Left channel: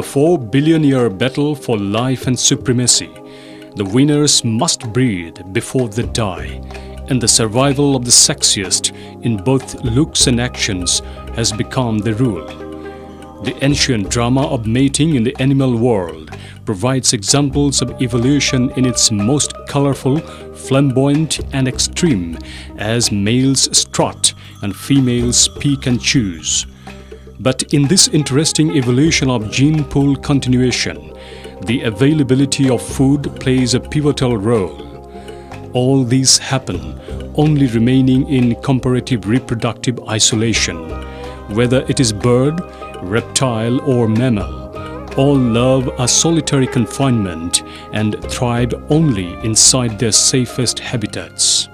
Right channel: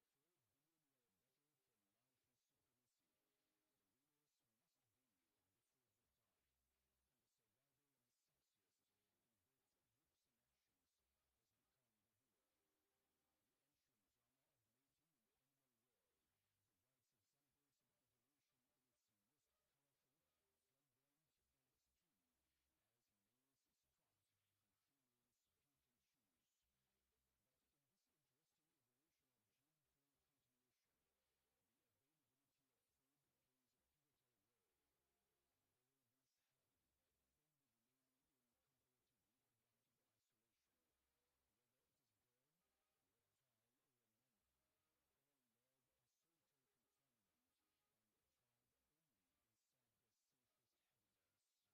the 4-billion-year battle for life and supremacy, the winners must breed before they die, and the survival of the sexiest in both looks and actions has become the rule. The ancient drama of mating in the animal world provides examples of evolution in its most colorful, flamboyant and extreme, as males strut and females pick and choose. But in this interesting evolution of gene pool continuation, the availability of food plays a pivotal role. All these happen only remaining in comparative reproductive isolation. Whether it is bird, reptile or mammal, all love a solitary confinement and thrive only inside their safest habitats.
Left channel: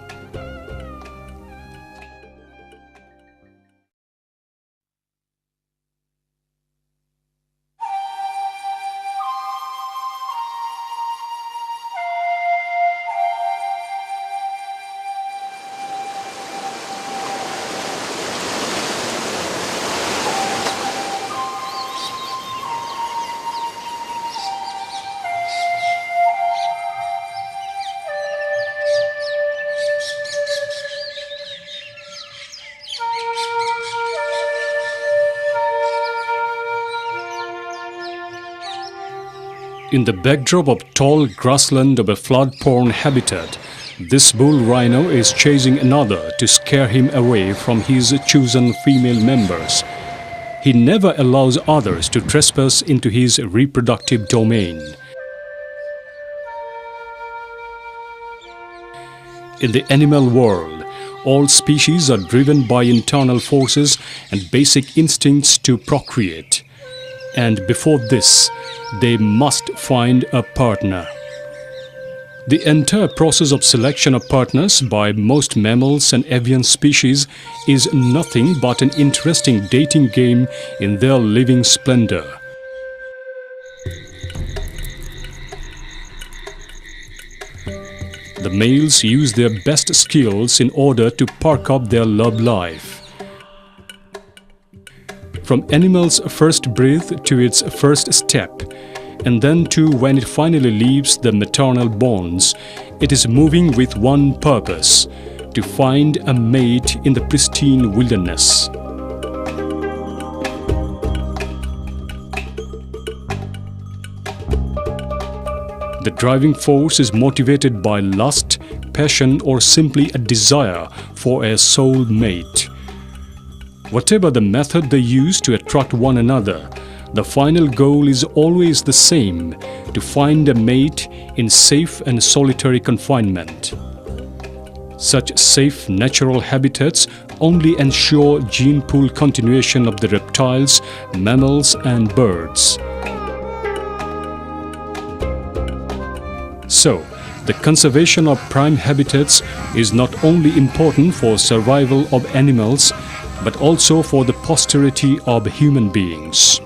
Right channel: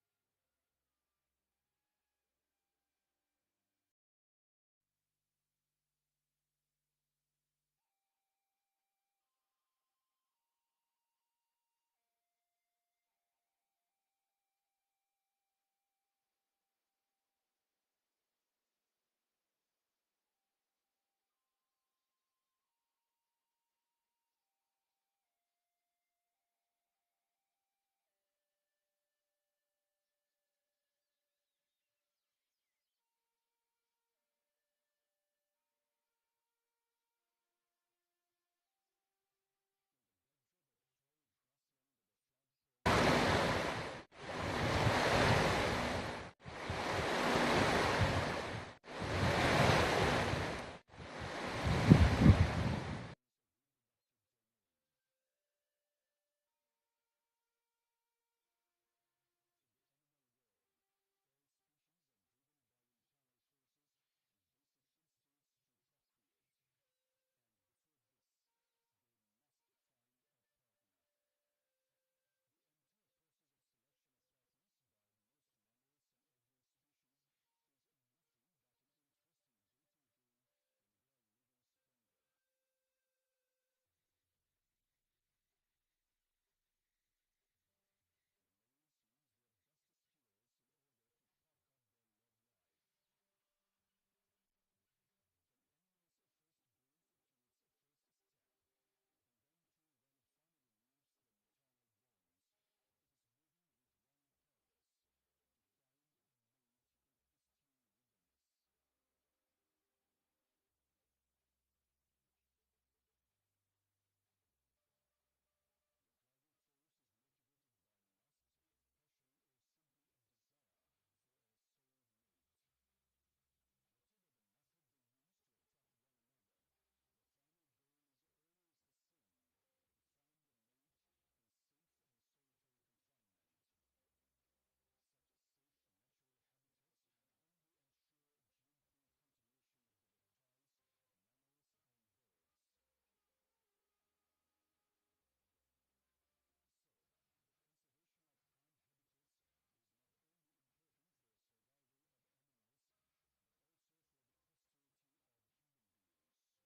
In the backdrop of tall grassland of a flood-prone habitat, this bull rhino is chasing another to scare him away from his chosen female members. He never allows others to trespass into his reproductive domain. In the animal world, all species are driven by internal forces and basic instincts to procreate. And before this, they must find a partner. The entire process of selection of partners by most mammals and avian species is nothing but an interesting dating game in their living splendor. The males use their best skills in order to perk up their love life. From animal's first breath to its first step, and then to when it finally leaves the maternal bonds, it is moving with one purpose: to find a mate in the pristine wilderness. The driving force is motivated by lust, passion, or simply a desire for a soul mate. Whatever the method they use to attract one another, the final goal is always the same: to find a mate in safe and solitary confinement. Such safe natural habitats only ensure gene pool continuation of the reptiles, mammals and birds. So, the conservation of prime habitats is not only important for survival of animals, but also for the posterity of human beings.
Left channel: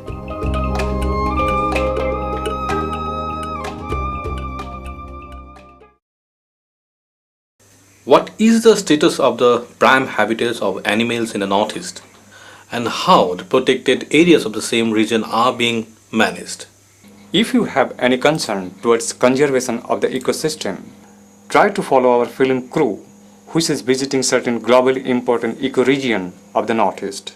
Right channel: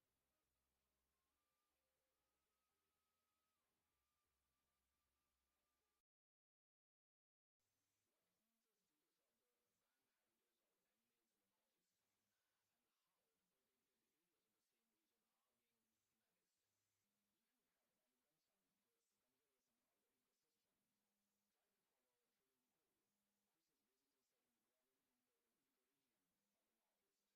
What is the status of the prime habitats of animals in the Northeast, and how the protected areas of the same region are being managed? If you have any concern towards conservation of the ecosystem, try to follow our film crew, which is visiting certain globally important ecoregion of the Northeast.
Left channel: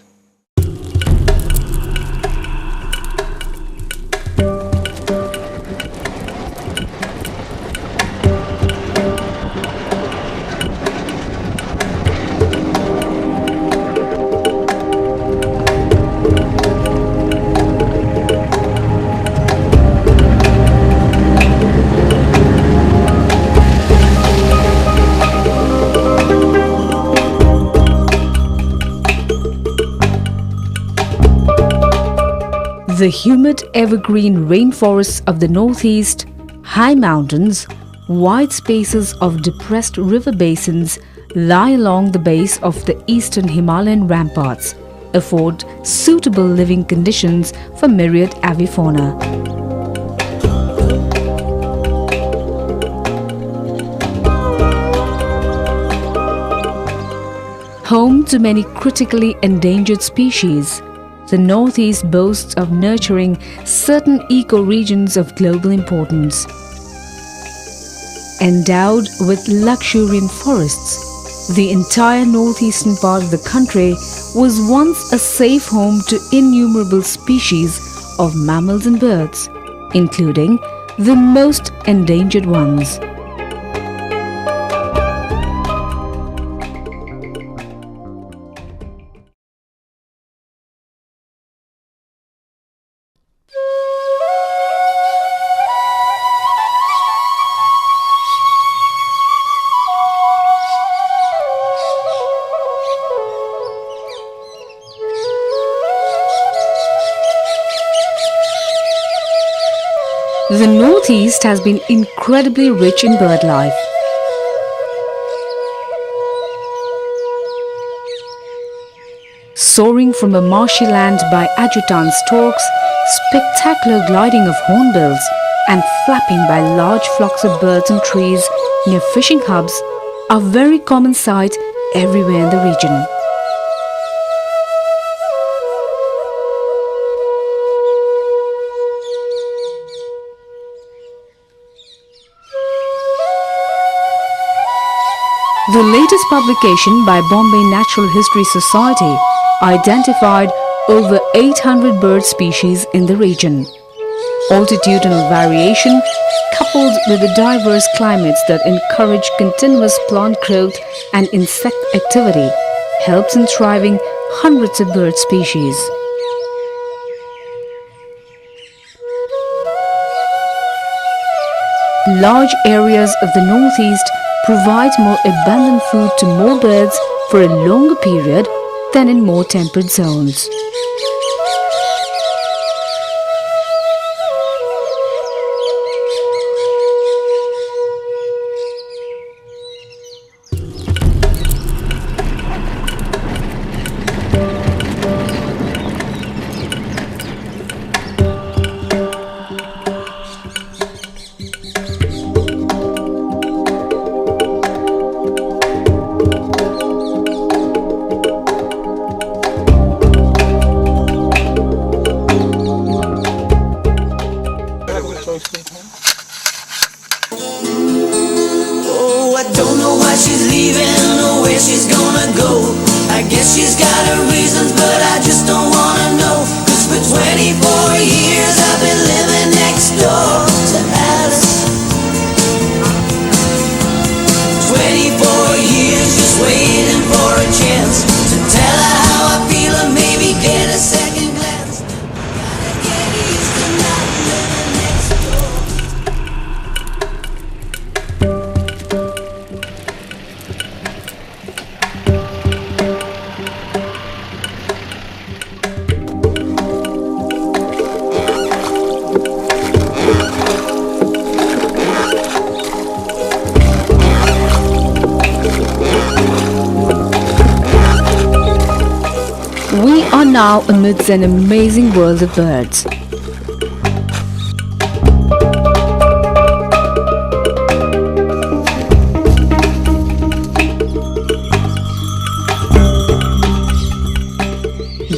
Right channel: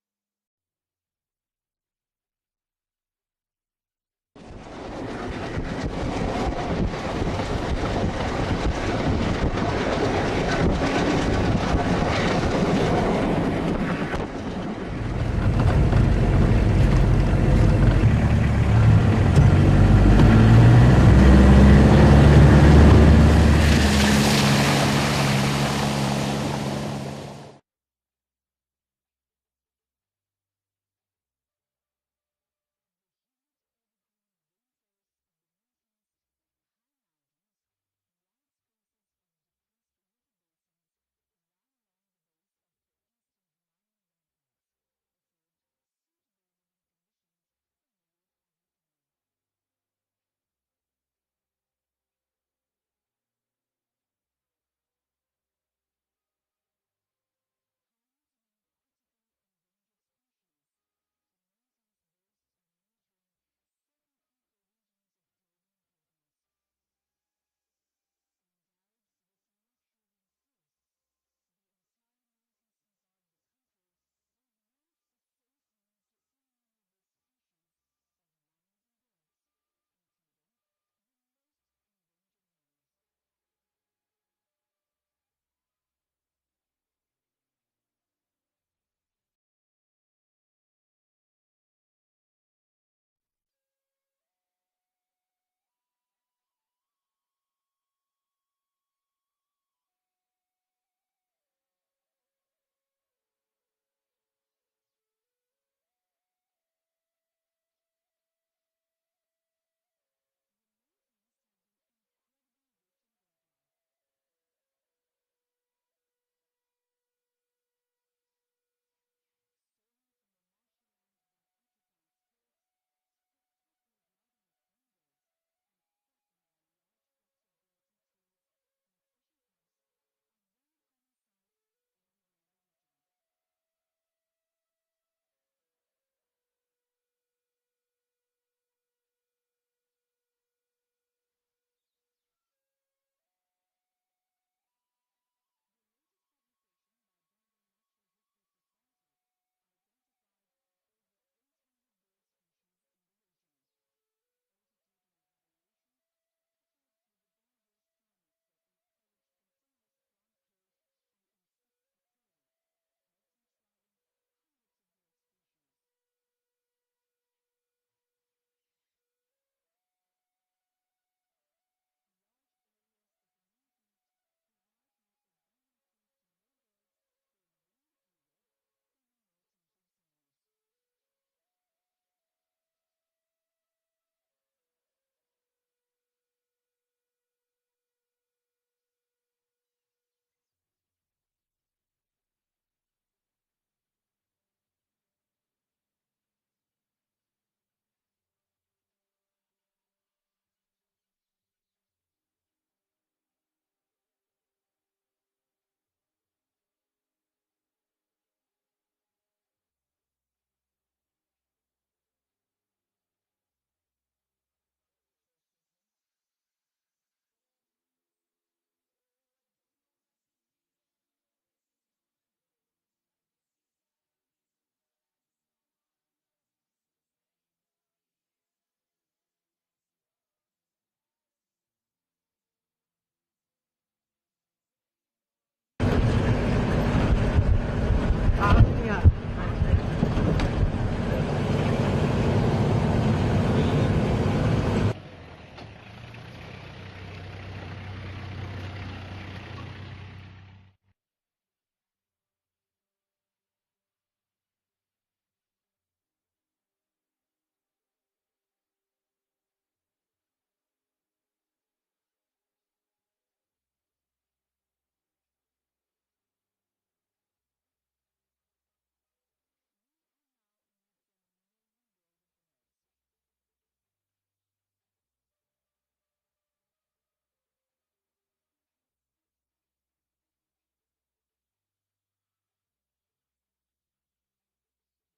The humid evergreen rainforests of the Northeast, high mountains, wide spaces of depressed river basins lie along the base of the eastern Himalayan ramparts, afford suitable living conditions for myriad avifauna. Home to many critically endangered species, the Northeast boasts of nurturing certain ecoregions of global importance. Endowed with luxuriant forests, the entire northeastern part of the country was once a safe home to innumerable species of mammals and birds, including the most endangered ones. The Northeast has been incredibly rich in bird life. Soaring from a marshy land by adjutant storks, spectacular gliding of hornbills, and flapping by large flocks of birds in trees near fishing hubs are very common sights everywhere in the region. The latest publication by Bombay Natural History Society identified over 800 bird species in the region. Altitudinal variation, coupled with the diverse climates that encourage continuous plant growth and insect activity, helps in thriving hundreds of bird species. Large areas of the Northeast provide more abundant food to more birds for a longer period than in more temperate zones. Oh, I don't know why she's leaving or where she's gonna go. I guess she's got her reasons, but I just don't wanna know. 'Cause for 24 years I've been living next door to Alice. 24 years just waiting for a chance to tell her how I feel or maybe get a second glance. Gotta get used to not living next door. We are now amidst an amazing world of birds.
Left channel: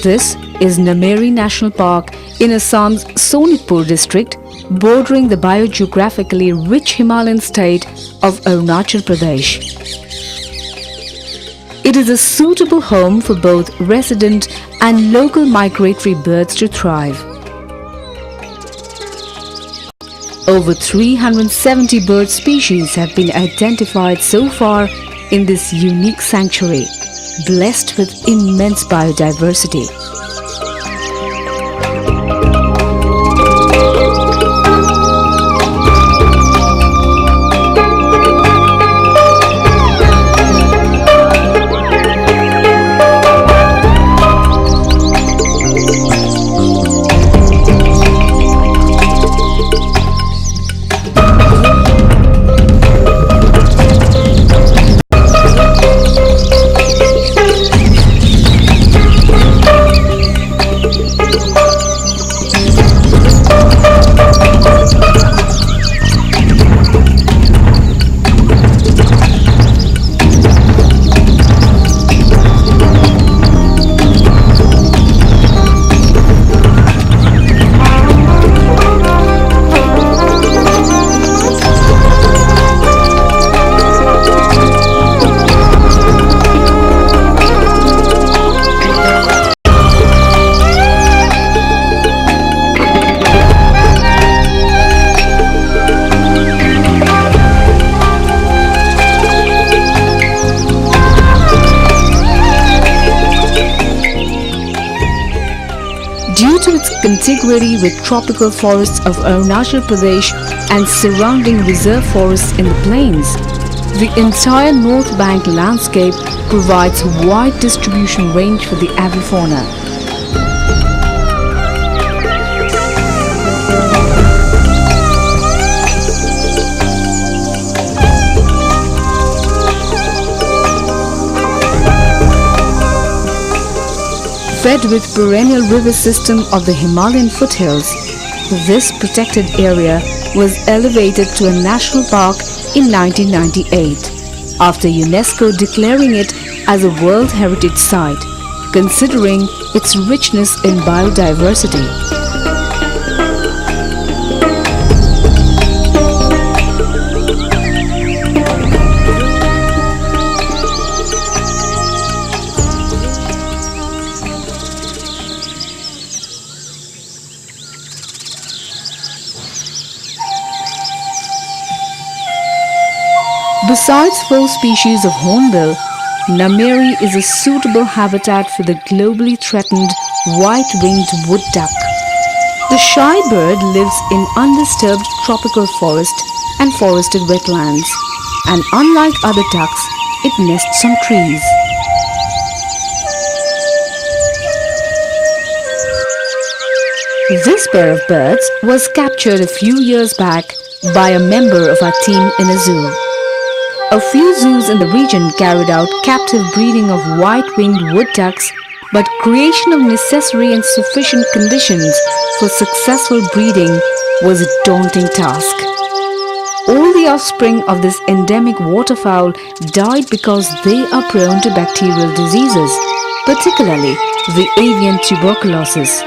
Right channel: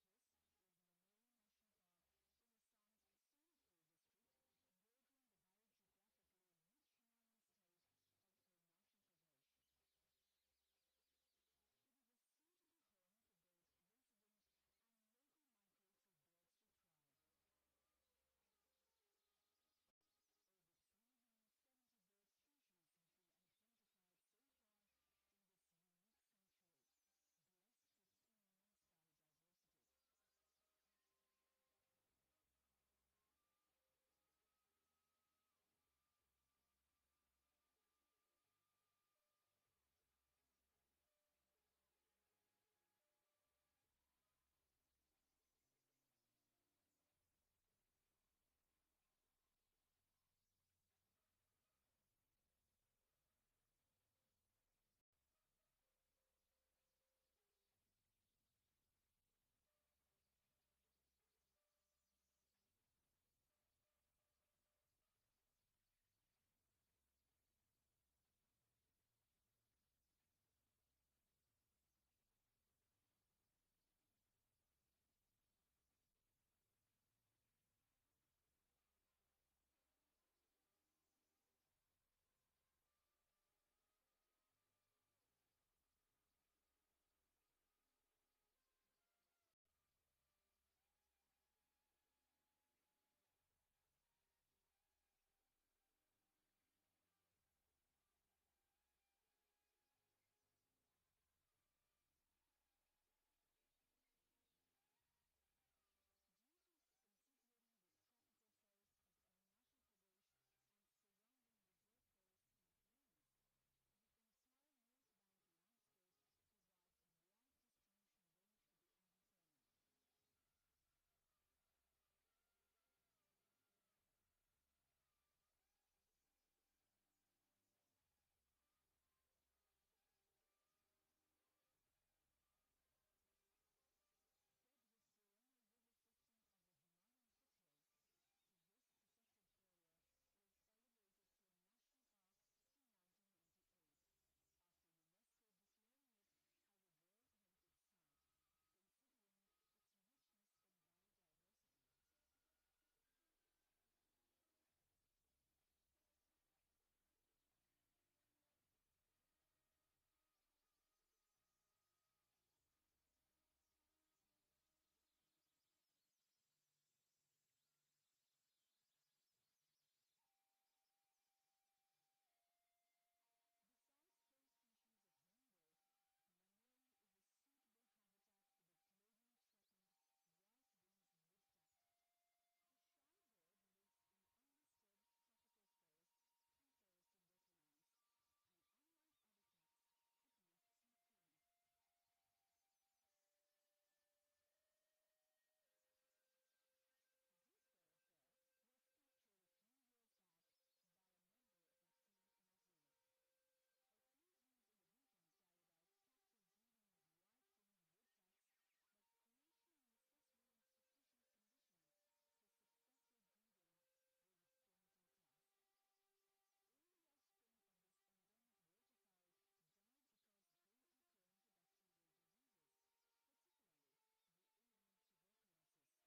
This is Nameri National Park in Assam's Sonitpur district, bordering the biogeographically rich Himalayan state of Arunachal Pradesh. It is a suitable home for both resident and local migratory birds to thrive. Over 370 bird species have been identified so far in this unique sanctuary, blessed with immense biodiversity. contiguity with tropical forests of Arunachal Pradesh and surrounding reserve forests in the plains. The entire North Bank landscape provides wide distribution range for the avifauna. Fed with perennial river system of the Himalayan foothills, this protected area was elevated to a national park in 1998 after UNESCO declaring it as a World Heritage Site, considering its richness in biodiversity. Besides 4 species of hornbill, Nameri is a suitable habitat for the globally threatened white-winged wood duck. The shy bird lives in undisturbed tropical forest and forested wetlands, and unlike other ducks, it nests on trees. This pair of birds was captured a few years back by a member of our team in a zoo. A few zoos in the region carried out captive breeding of white-winged wood ducks, but creation of necessary and sufficient conditions for successful breeding was a daunting task. All the offspring of this endemic waterfowl died because they are prone to bacterial diseases, particularly the avian tuberculosis.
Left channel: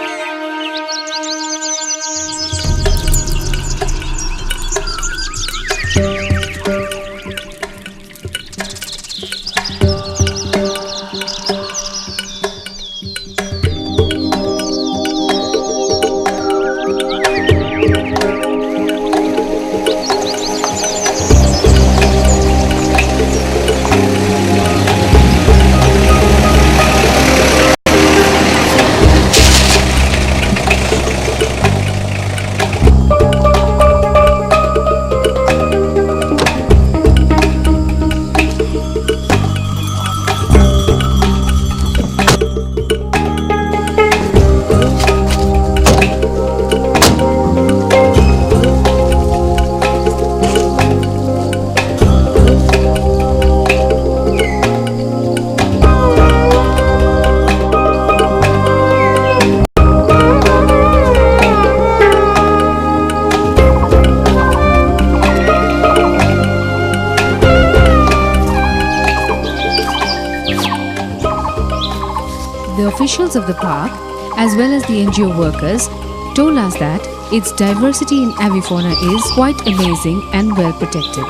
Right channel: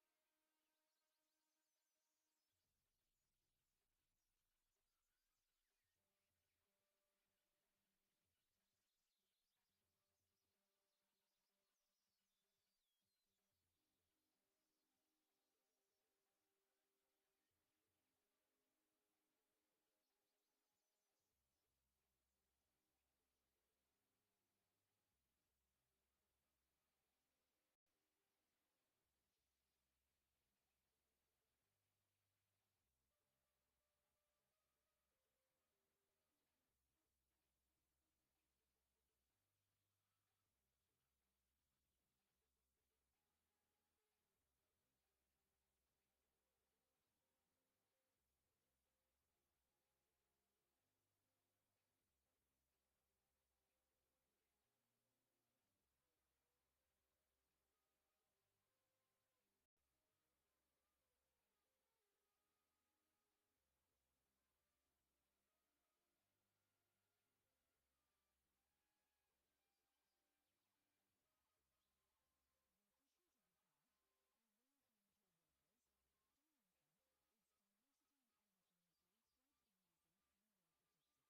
The officials of the park, as well as the NGO workers, told us that its diversity in avifauna is quite amazing and well protected.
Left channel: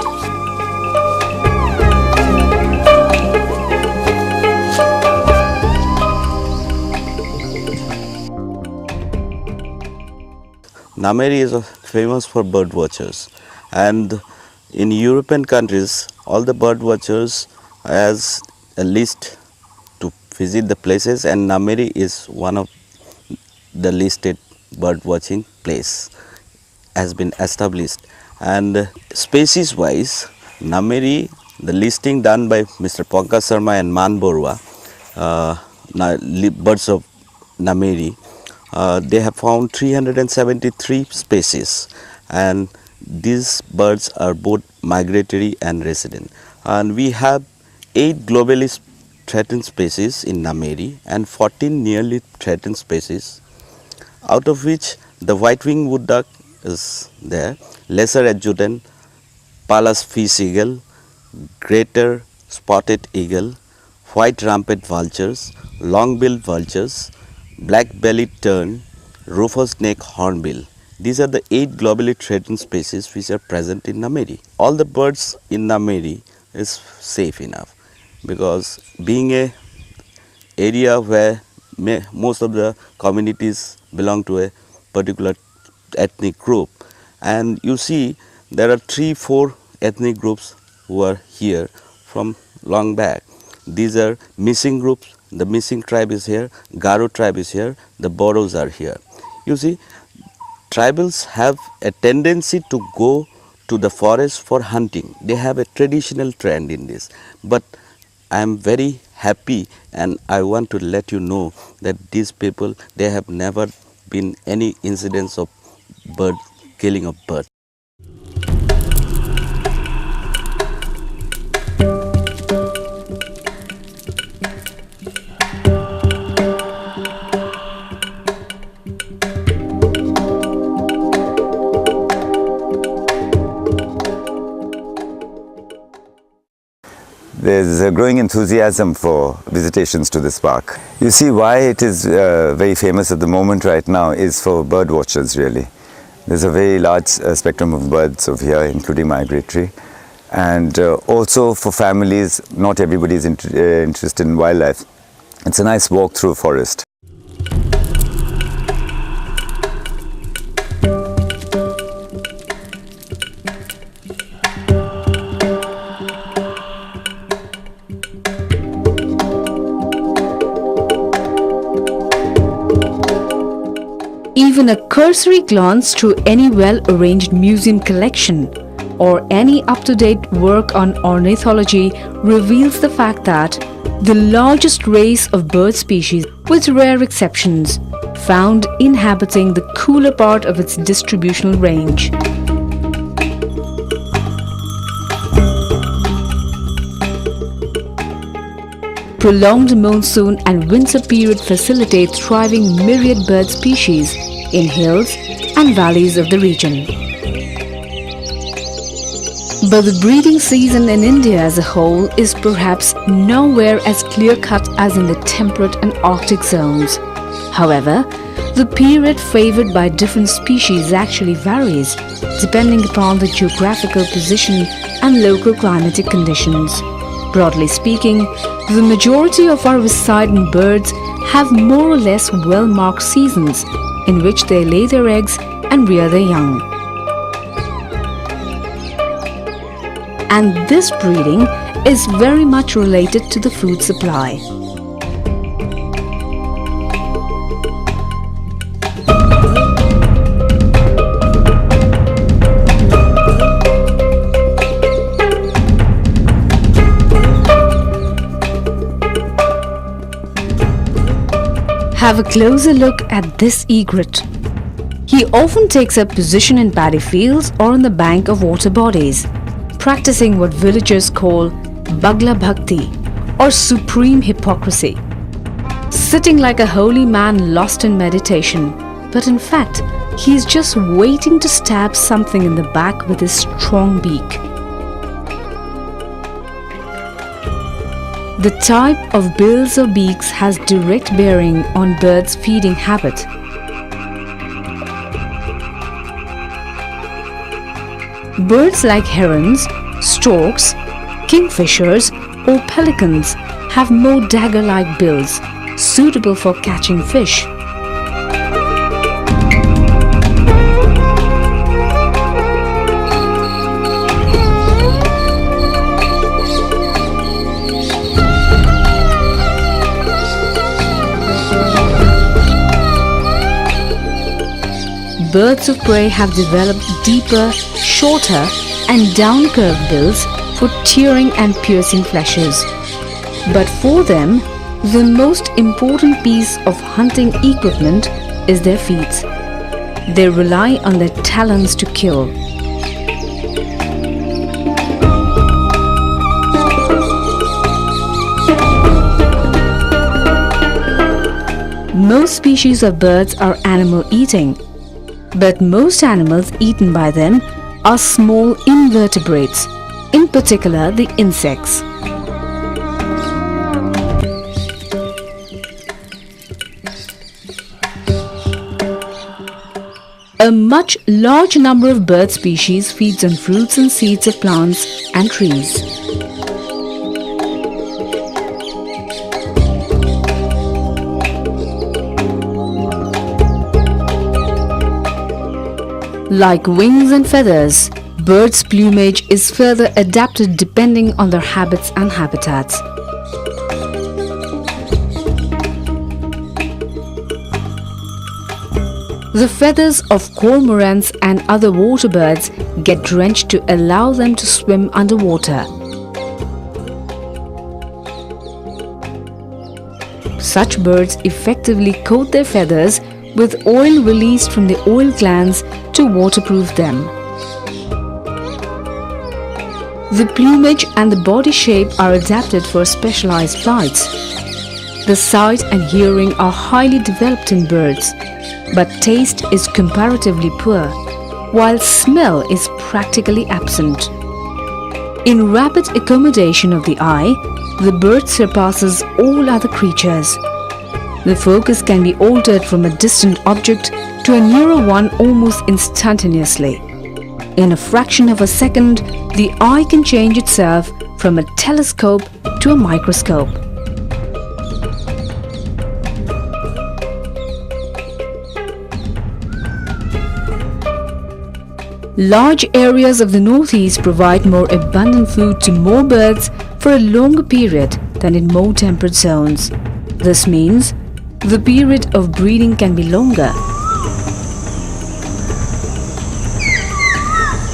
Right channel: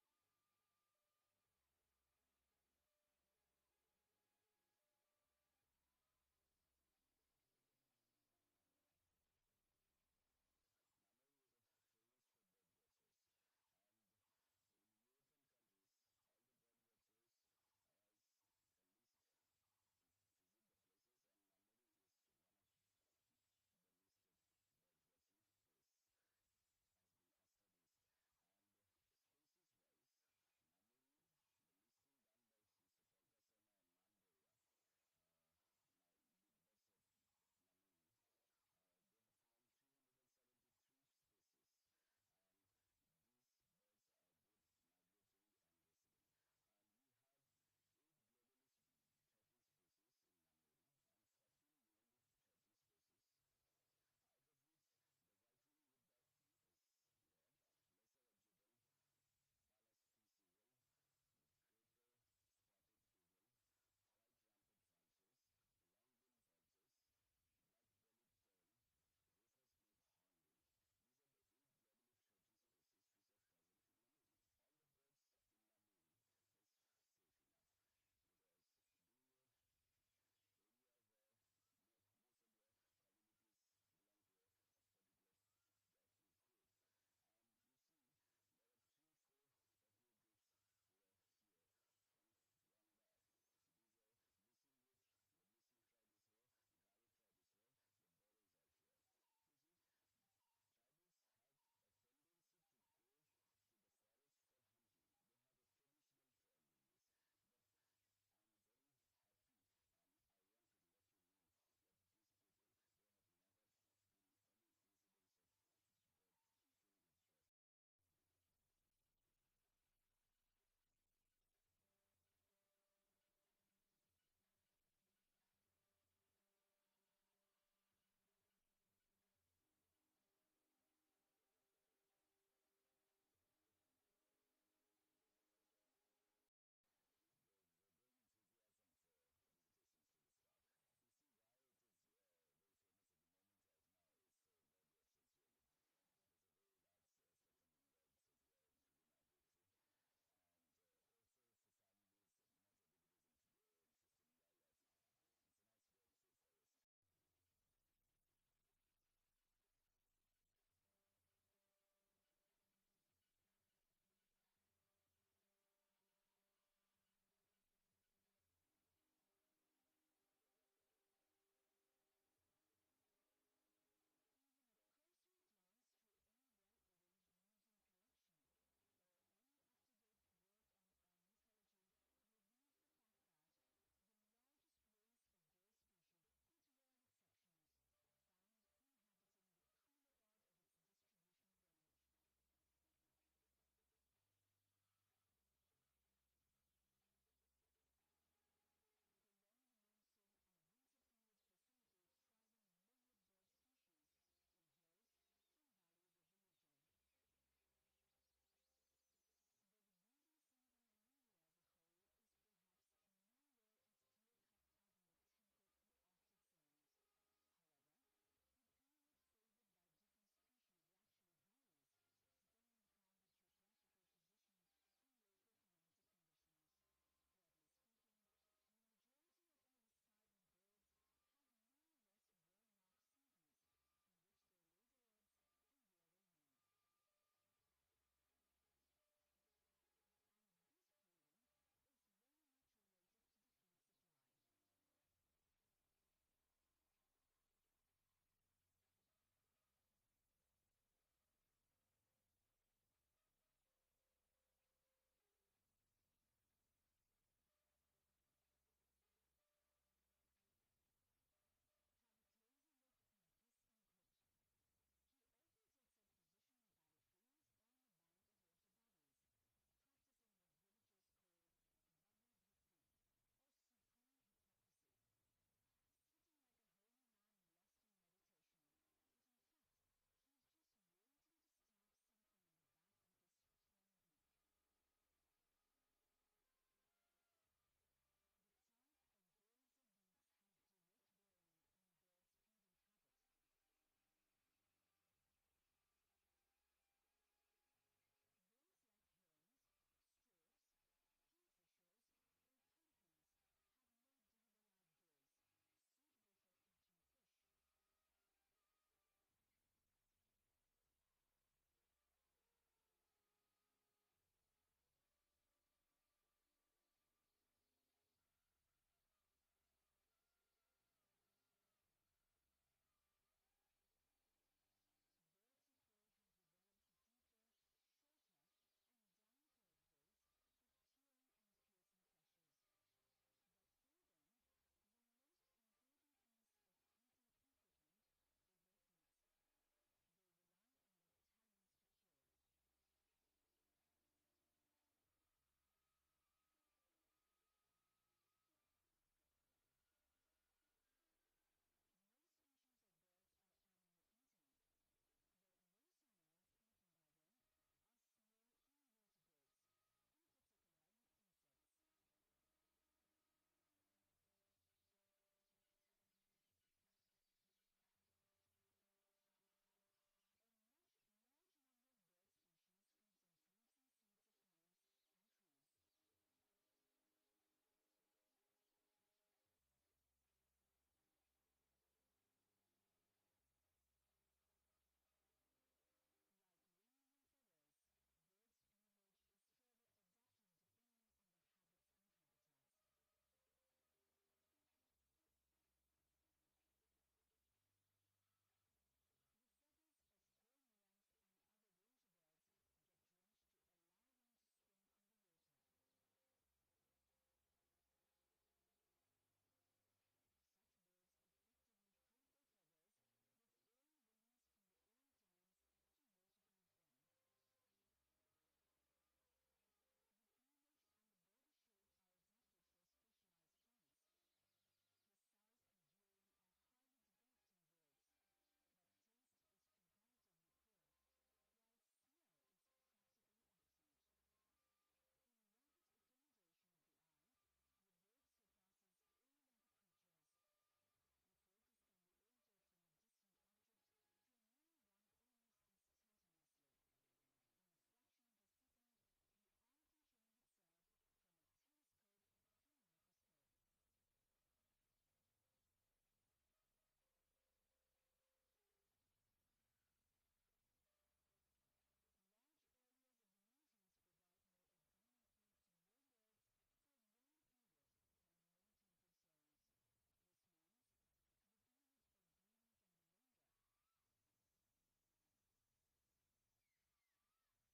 Nameri is famous for bird watchers, and in European countries all the bird watchers has a list to visit the places, and Nameri is one of the listed bird watching place has been established. And species wise, Nameri, the listing done by Mr. Pankaj Sharma and Man Borua, birds of Nameri, they have found 373 species, and these birds are both migratory and resident. And we have 8 globally threatened species in Nameri and 14 nearly threatened species, out of which the white-winged wood duck is there, lesser adjutant, Pallas fish eagle, greater spotted eagle, white rampant vultures, long-billed vultures, black-bellied tern, rufous-necked hornbill. These are the 8 globally threatened species which are present in Nameri. All the birds in Nameri is safe enough, because being a area where most of the communities belong to a particular ethnic group, and you see there are 3-4 ethnic groups who are here from long back. These are missing groups. The missing tribe is here, Garo tribe is here, the Boros are here. You see, tribals have a tendency to go to the forest for hunting. They have a traditional trend in this. But I am very happy and I want to let you know that these people, they have never been any incidents of killing of birds. There's a growing enthusiasm for visitations to this park. You see, why it is very famous at the moment right now is for bird watchers, really. There's a very large spectrum of birds over here, including migratory. And also for families, not everybody is interested in wildlife. It's a nice walk through a forest. Even a cursory glance through any well-arranged museum collection or any up-to-date work on ornithology reveals the fact that the largest race of bird species, with rare exceptions, found inhabiting the cooler part of its distributional range. Prolonged monsoon and winter period facilitate thriving myriad bird species in hills and valleys of the region. But the breeding season in India as a whole is perhaps nowhere as clear-cut as in the temperate and Arctic zones. However, the period favored by different species actually varies depending upon the geographical position and local climatic conditions. Broadly speaking, the majority of our residing birds have more or less well-marked seasons in which they lay their eggs and rear their young. And this breeding is very much related to the food supply. Have a closer look at this egret. He often takes up position in paddy fields or on the bank of water bodies, practicing what villagers call Bagla Bhakti or supreme hypocrisy, sitting like a holy man lost in meditation, but in fact he is just waiting to stab something in the back with his strong beak. The type of bills or beaks has direct bearing on birds' feeding habit. Birds like herons, storks, kingfishers or pelicans have more dagger-like bills, suitable for catching fish. Birds of prey have developed deeper, shorter and down-curved bills for tearing and piercing fleshes. But for them, the most important piece of hunting equipment is their feet. They rely on their talons to kill. Most species of birds are animal-eating, but most animals eaten by them are small invertebrates, in particular the insects. A much large number of bird species feeds on fruits and seeds of plants and trees. Like wings and feathers, birds' plumage is further adapted depending on their habits and habitats. The feathers of cormorants and other water birds get drenched to allow them to swim underwater. Such birds effectively coat their feathers with oil released from the oil glands to waterproof them. The plumage and the body shape are adapted for specialized flights. The sight and hearing are highly developed in birds, but taste is comparatively poor, while smell is practically absent. In rapid accommodation of the eye, the bird surpasses all other creatures. The focus can be altered from a distant object to a nearer one almost instantaneously. In a fraction of a second, the eye can change itself from a telescope to a microscope. Large areas of the northeast provide more abundant food to more birds for a longer period than in more temperate zones. This means the period of breeding can be longer.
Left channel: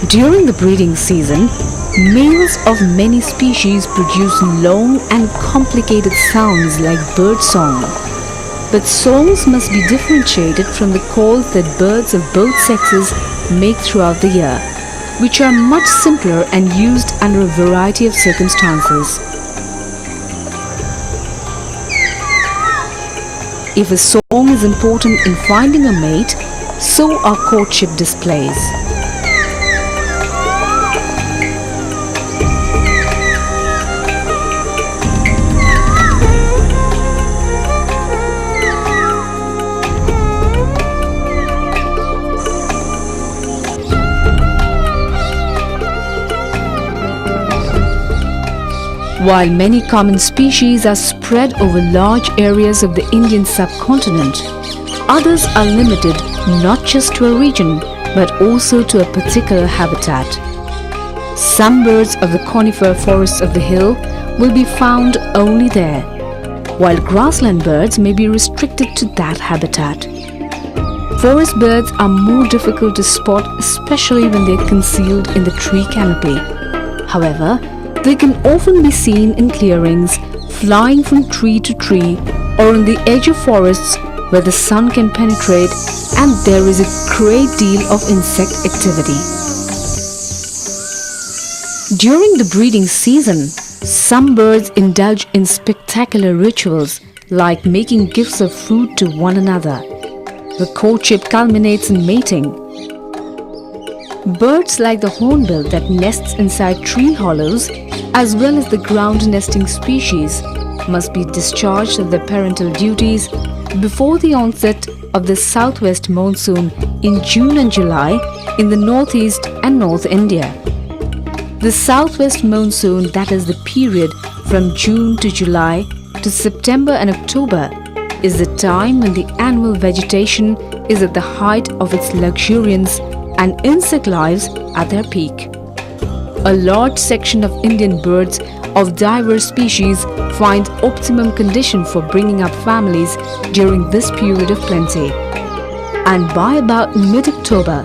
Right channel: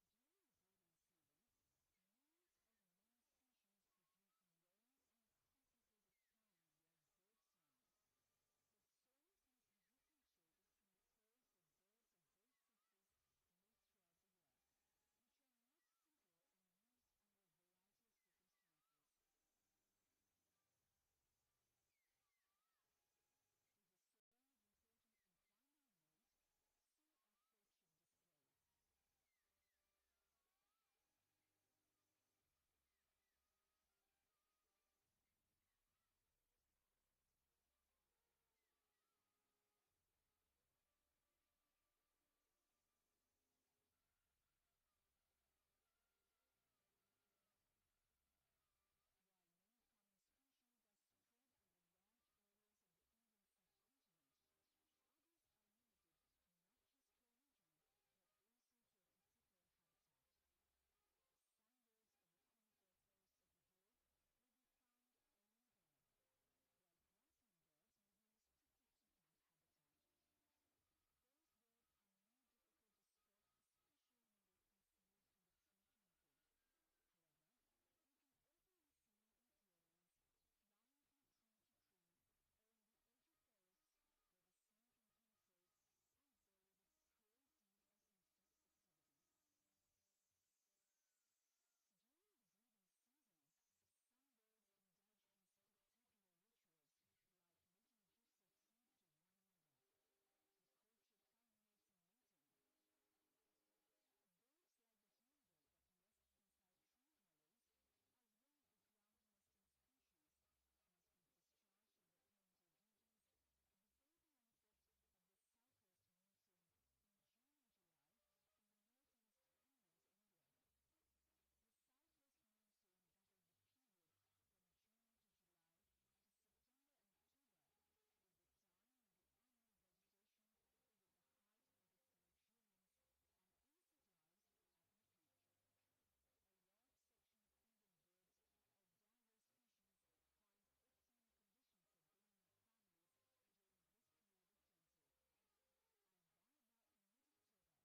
During the breeding season, males of many species produce long and complicated sounds like bird song. But songs must be differentiated from the calls that birds of both sexes make throughout the year, which are much simpler and used under a variety of circumstances. If a song is important in finding a mate, so are courtship displays. While many common species are spread over large areas of the Indian subcontinent, others are limited not just to a region but also to a particular habitat. Some birds of the conifer forests of the hill will be found only there, while grassland birds may be restricted to that habitat. Forest birds are more difficult to spot, especially when they are concealed in the tree canopy. However, they can often be seen in clearings, flying from tree to tree, or on the edge of forests where the sun can penetrate and there is a great deal of insect activity. During the breeding season, some birds indulge in spectacular rituals like making gifts of food to one another. The courtship culminates in mating. Birds like the hornbill that nests inside tree hollows, as well as the ground nesting species, must be discharged of their parental duties before the onset of the southwest monsoon in June and July in the northeast and North India. The southwest monsoon, that is the period from June to July to September and October, is the time when the annual vegetation is at the height of its luxuriance and insect lives at their peak. A large section of Indian birds of diverse species find optimum condition for bringing up families during this period of plenty. And by about mid-October,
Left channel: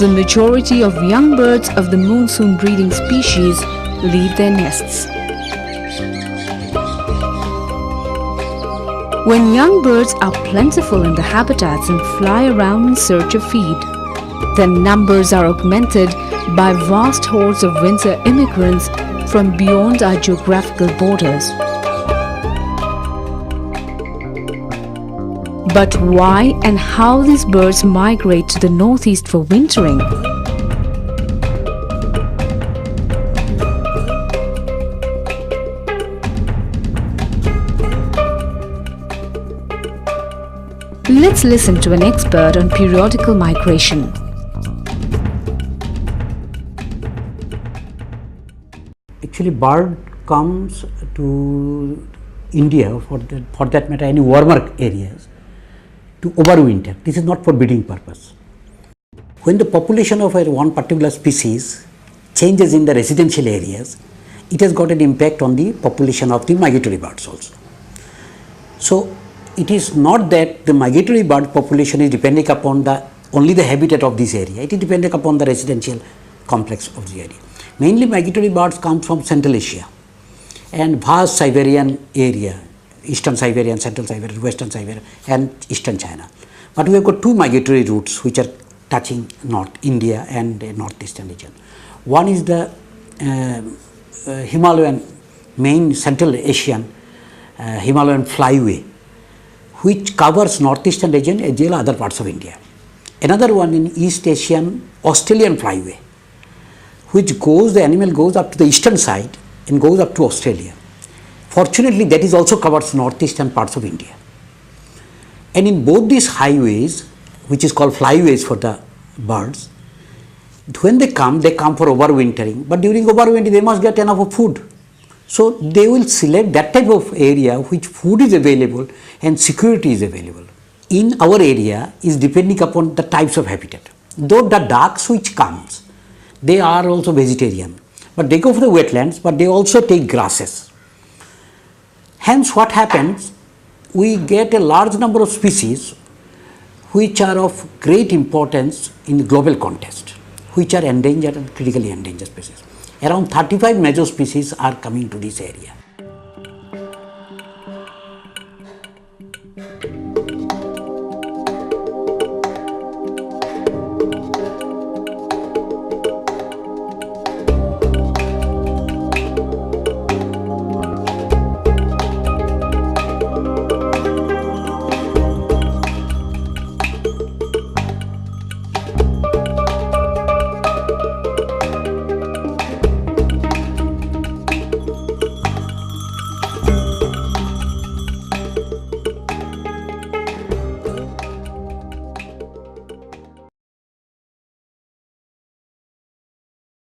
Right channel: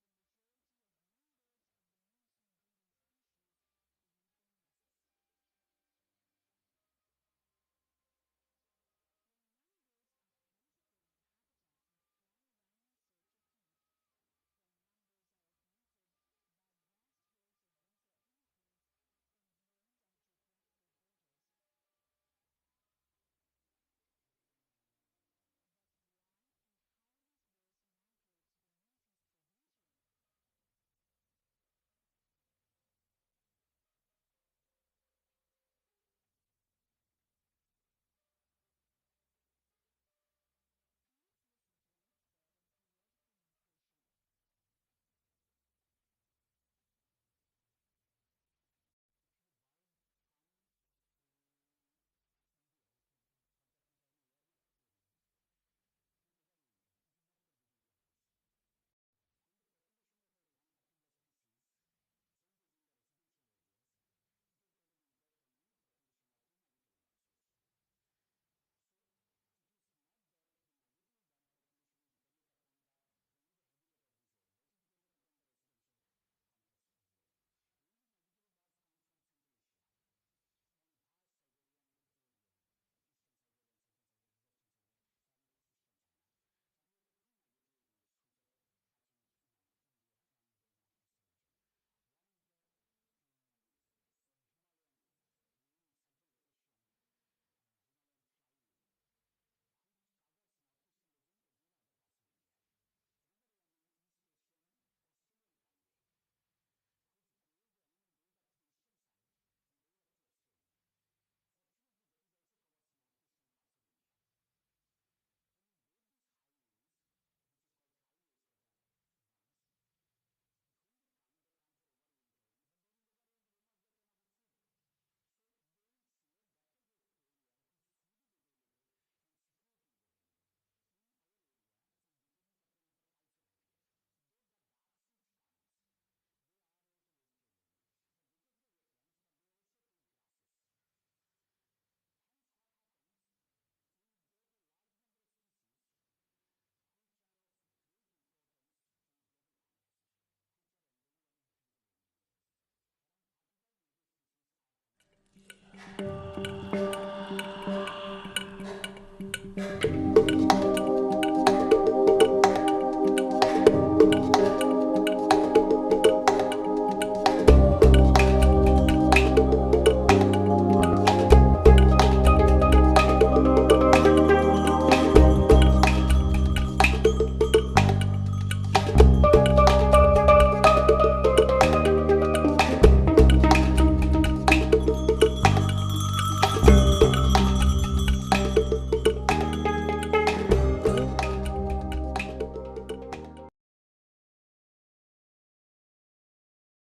the majority of young birds of the monsoon breeding species leave their nests. When young birds are plentiful in the habitats and fly around in search of feed, their numbers are augmented by vast hordes of winter immigrants from beyond our geographical borders. But why and how these birds migrate to the northeast for wintering? Let's listen to an expert on periodical migration. Actually, bird comes to India, for that matter, any warmer areas, to overwinter. This is not for breeding purpose. When the population of one particular species changes in the residential areas, it has got an impact on the population of the migratory birds also. So, it is not that the migratory bird population is depending upon only the habitat of this area. It is dependent upon the residential complex of the area. Mainly migratory birds come from Central Asia and vast Siberian area, Eastern Siberia, Central Siberia, Western Siberia and Eastern China. But we have got two migratory routes which are touching North India and Northeastern region. One is the Himalayan, main Central Asian Himalayan flyway, which covers Northeastern region as well as other parts of India. Another one in East Asian Australian flyway, which the animal goes up to the eastern side and goes up to Australia. Fortunately, that is also covers northeastern parts of India. And in both these highways, which is called flyways for the birds, when they come for overwintering, but during overwintering they must get enough of food. So they will select that type of area which food is available and security is available. In our area is depending upon the types of habitat. Though the ducks which comes, they are also vegetarian, but they go for the wetlands, but they also take grasses. Hence what happens, we get a large number of species which are of great importance in the global context, which are endangered and critically endangered species. Around 35 major species are coming to this area.